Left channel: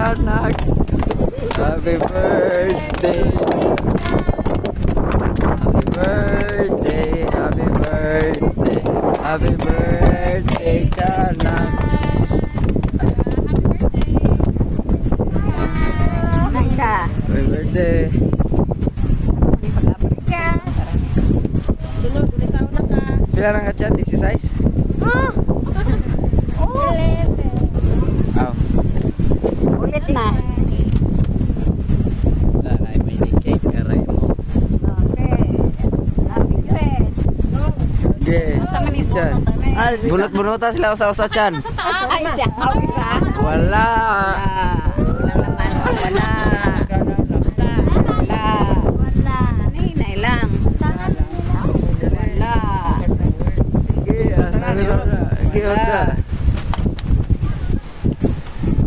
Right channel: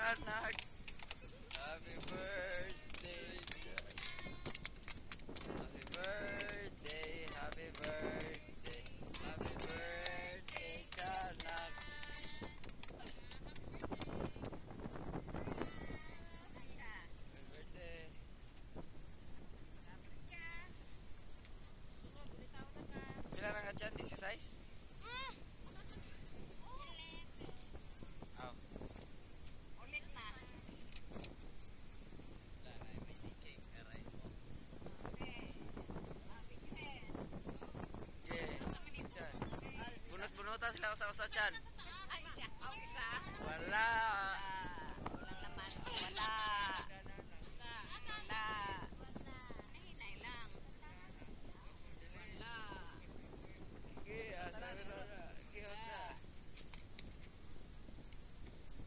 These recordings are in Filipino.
anak. Happy birthday. Happy birthday. Happy birthday. Happy birthday, Tiyanak. Happy birthday. Pila na ka Tiyan? 16? Ulit na. Wala na, may cake karay mo. Okay. Happy Gwen. Okay. Tiyan. Bunot-bunutan sila usa-usa Tiyan. Ay, siya. Ako isa. Wala. Walang laman. Wala. Wala. Wala. Hinay lang. Wala. Okay, asabi mo na. Okay, wala.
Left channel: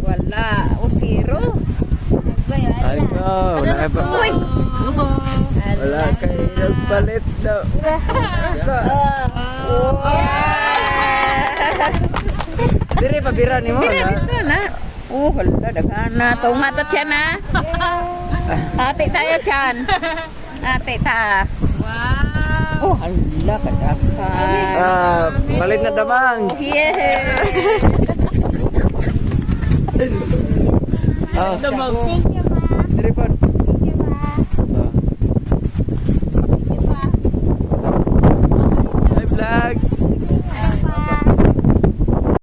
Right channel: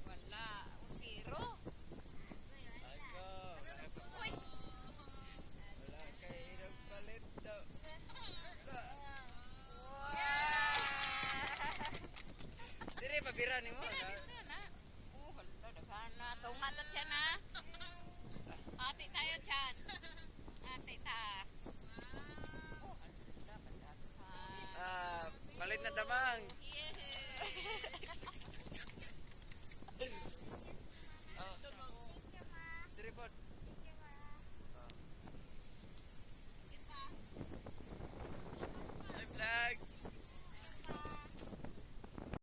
Wala. O, zero. Ay ko, wala kayo pa. Uy. Wala kayo nagpalit daw. Dire pabira ni mo. Dito na. Oh, hala, dagana. Tunga to siya na. Ate tayo siyan. Ate ta. Wow. Oh, hala, kadakan. Palit na damang. Yeah. Oh, Damang. dire pa.